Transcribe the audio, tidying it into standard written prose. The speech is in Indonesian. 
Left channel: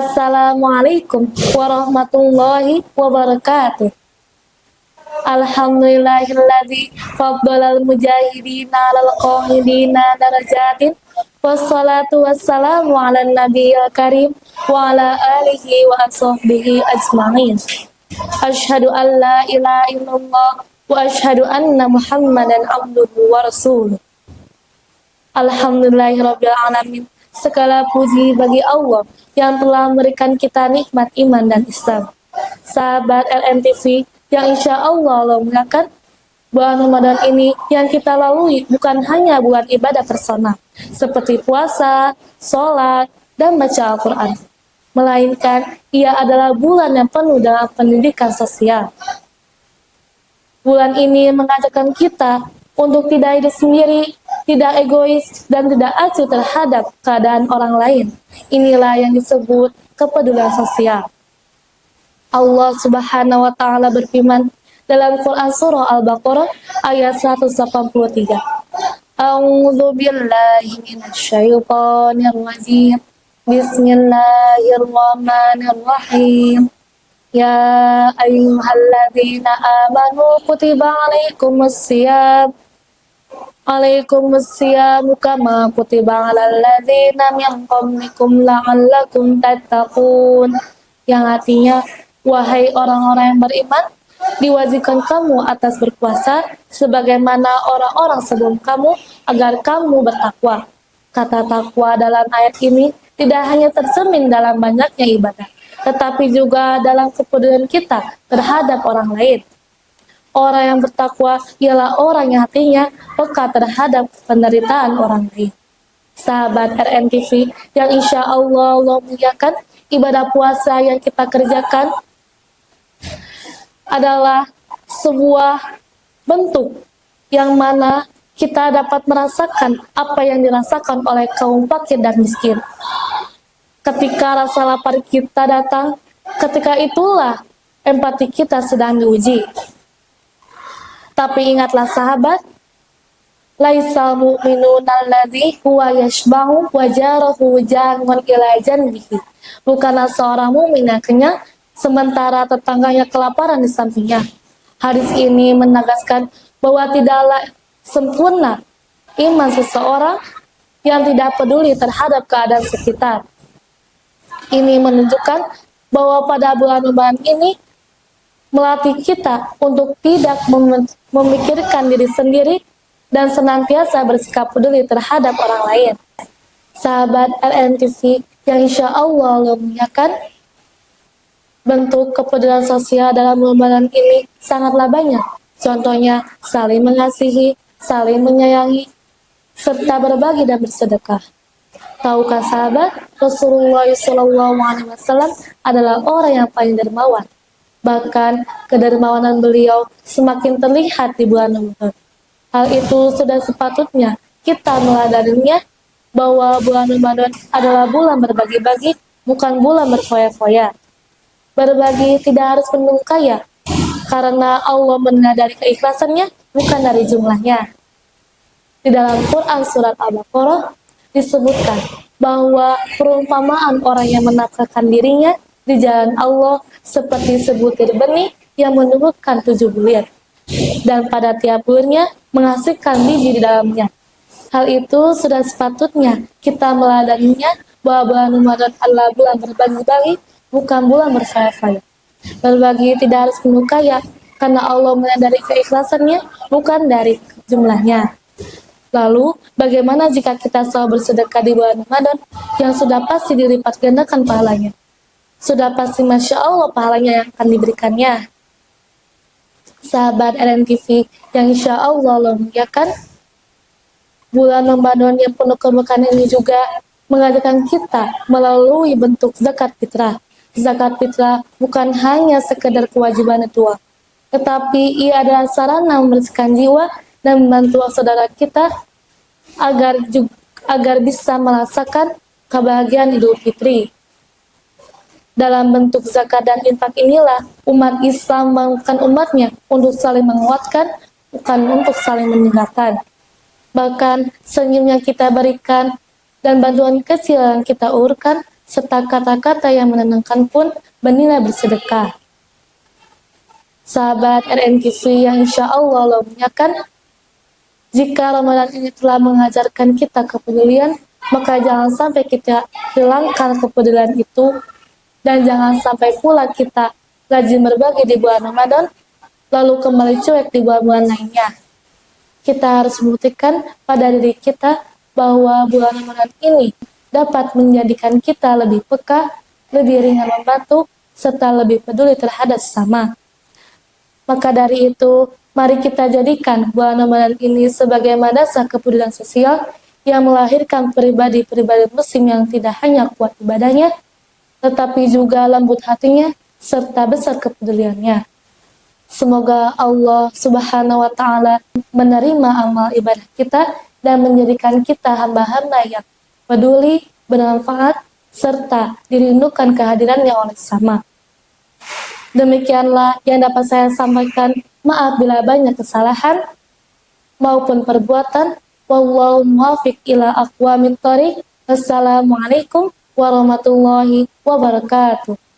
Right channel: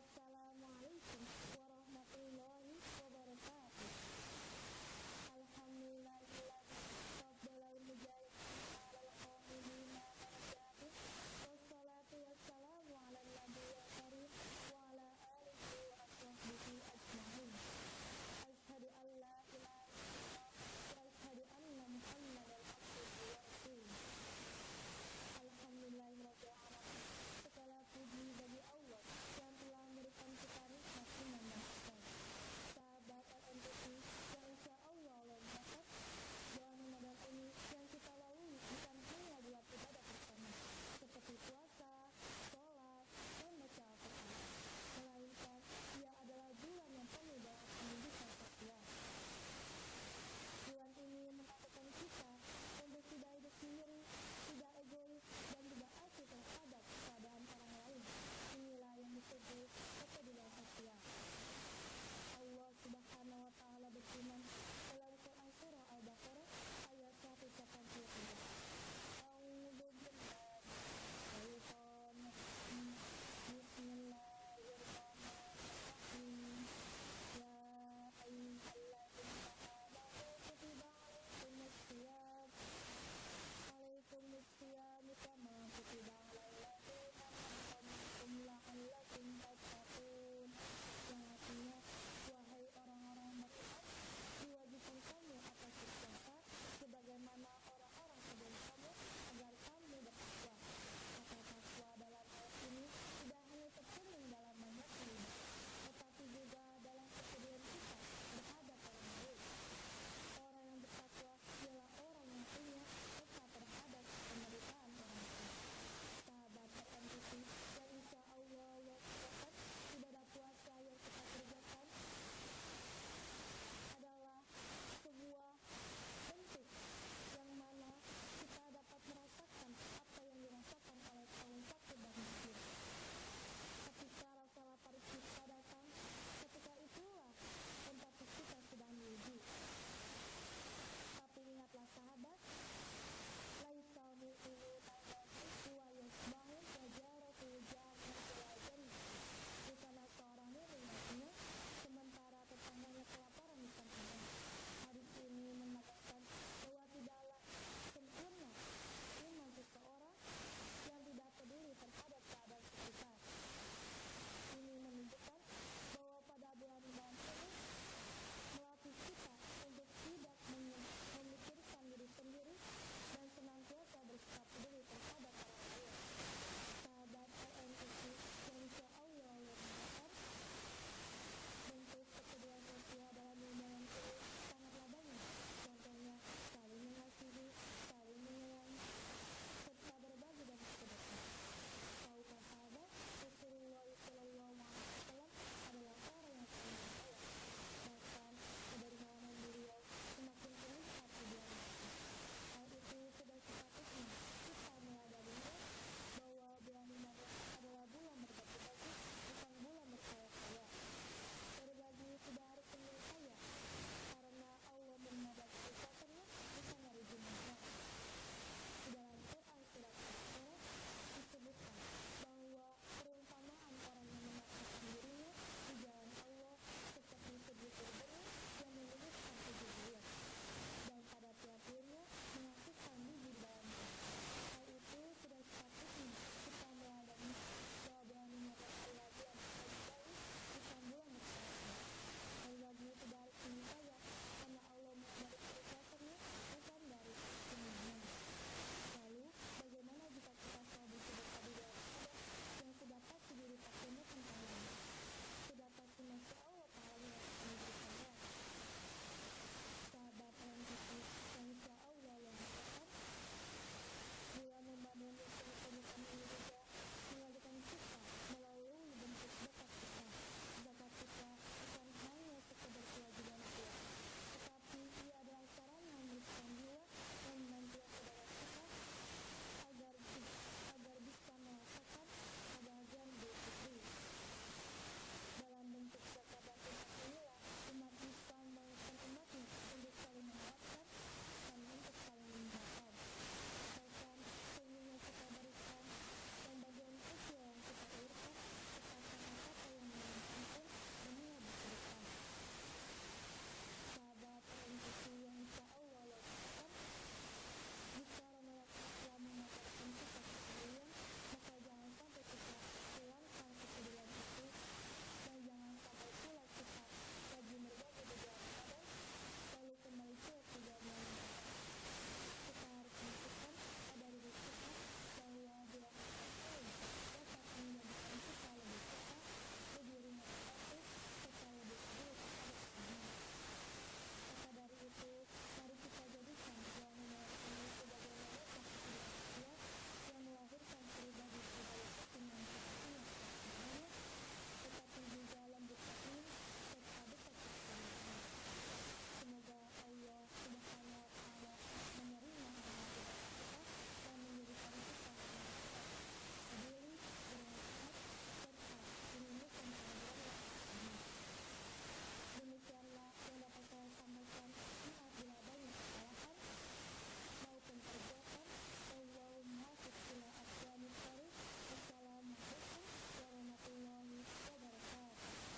Assalamualaikum warahmatullahi wabarakatuh. Alhamdulillahilladzi faddalal mujahidina alal qa'idina darajatin. Wassalatu wassalamu ala nabiyil karim wa ala alihi wa ashabihi ajma'in. Asyhadu an la ilaha illallah wa asyhadu anna Muhammadan abduhu wa rasuluh. Alhamdulillahirabbil alamin. Segala puji bagi Allah yang telah memberikan kita nikmat iman dan Islam. Sahabat LMTV yang insya Allah muliakan, bulan Ramadan ini yang kita lalui bukan hanya bulan ibadah personal seperti puasa, sholat, dan baca Al-Quran, melainkan ia adalah bulan yang penuh dengan pendidikan sosial. Bulan ini mengajarkan kita untuk tidak hidup sendiri, tidak egois, dan tidak acuh terhadap keadaan orang lain. Inilah yang disebut kepedulian sosial. Allah Subhanahu wa taala berfirman dalam Quran surah Al-Baqarah ayat 183. A'udzu billahi minasyaitonir rajim. Bismillahirrahmanirrahim. Ya ayyuhalladzina amanu kutiba alaikumussyam kama kutiba alal ladzina min qablikum la'allakum tattaqun, yang artinya wahai orang-orang yang beriman, diwajibkan kamu atas berpuasa sebagaimana orang-orang sebelum kamu agar kamu bertakwa. Kata takwa dalam ayat ini tidak hanya tercermin dalam banyaknya ibadah, tetapi juga dalam kepedulian kita terhadap orang lain. Orang yang bertakwa ialah orang yang hatinya peka terhadap penderitaan orang lain. Sahabat RMTV yang insya Allah muliakan, ibadah puasa yang kita kerjakan adalah sebuah bentuk yang mana kita dapat merasakan apa yang dirasakan oleh kaum fakir dan miskin. Ketika rasa lapar kita datang, ketika itulah empati kita sedang diuji. Tapi ingatlah sahabat, laisal mu'minun alladzi huwa yashba'u wa jarahu jangon ila janbihi. Bukanlah seorang mukmin yang kenyang sementara tetangganya kelaparan di sampingnya. Hadis ini menegaskan bahwa tidaklah sempurna iman seseorang yang tidak peduli terhadap keadaan sekitar. Ini menunjukkan bahwa pada bulan Ramadan ini melatih kita untuk tidak memikirkan diri sendiri dan senantiasa bersikap peduli terhadap orang lain. Sahabat LNTV yang insya Allah muliakan, bentuk kepedulian sosial dalam Ramadan ini sangatlah banyak. Contohnya saling mengasihi, saling menyayangi, serta berbagi dan bersedekah. Tahukah sahabat, Rasulullah SAW adalah orang yang paling dermawan. Bahkan kedermawanan beliau semakin terlihat di bulan Ramadan. Hal itu sudah sepatutnya kita meladaninya bahwa bulan Ramadan adalah bulan berbagi-bagi, bukan bulan berfoya-foya. Berbagi tidak harus penuh kaya, karena Allah menilai dari keikhlasannya, bukan dari jumlahnya. Di dalam Quran surat Al-Baqarah disebutkan bahwa perumpamaan orang yang menafkahkan dirinya di jalan Allah seperti sebutir benih yang menumbuhkan 7 bulir, dan pada tiap bulirnya menghasilkan biji di dalamnya. Hal itu sudah sepatutnya kita meladaninya bahwa bulan Ramadan adalah bulan berbagi-bagi, bukan bulan berfoya-foya. Berbagi tidak harus penuh kaya, karena Allah menilai dari keikhlasannya, bukan dari jumlahnya. Lalu, bagaimana jika kita selalu bersedekah di bulan Ramadan yang sudah pasti dilipat gandakan pahalanya? Sudah pasti Masya Allah pahalanya yang akan diberikannya. Sahabat RNTV yang insya Allah muliakan, bulan Ramadan yang penuh keberkahan ini juga mengajarkan kita melalui bentuk zakat fitrah. Zakat fitrah bukan hanya sekedar kewajiban ritual, tetapi ia adalah sarana membersihkan jiwa dan membantu saudara kita agar bisa merasakan kebahagiaan Idul Fitri. Dalam bentuk zakat dan infak inilah umat Islam membangunkan umatnya untuk saling menguatkan, bukan untuk saling meninggalkan. Bahkan senyum yang kita berikan dan bantuan kecil yang kita ulurkan serta kata-kata yang menenangkan pun bernilai bersedekah. Sahabat RNKC yang insya Allah muliakan, jika Ramadan ini telah mengajarkan kita kepedulian, maka jangan sampai kita hilangkan kepedulian itu, dan jangan sampai pula kita rajin berbagi di bulan Ramadan, lalu kembali cuek di bulan-bulan lainnya. Kita harus membuktikan pada diri kita bahwa bulan Ramadan ini dapat menjadikan kita lebih peka, lebih ringan membantu, serta lebih peduli terhadap sesama. Maka dari itu, mari kita jadikan bulan Ramadan ini sebagai madrasah kepedulian sosial yang melahirkan pribadi-pribadi muslim yang tidak hanya kuat ibadahnya, tetapi juga lembut hatinya, serta besar kepeduliannya. Semoga Allah Subhanahu wa Ta'ala menerima amal ibadah kita dan menjadikan kita hamba-hamba yang peduli, bermanfaat, serta dirindukan kehadirannya oleh sesama. Demikianlah yang dapat saya sampaikan. Maaf bila banyak kesalahan maupun perbuatan. Wallahu muwaffiq ila aqwamit thoriq. Wassalamualaikum warahmatullahi wabarakatuh.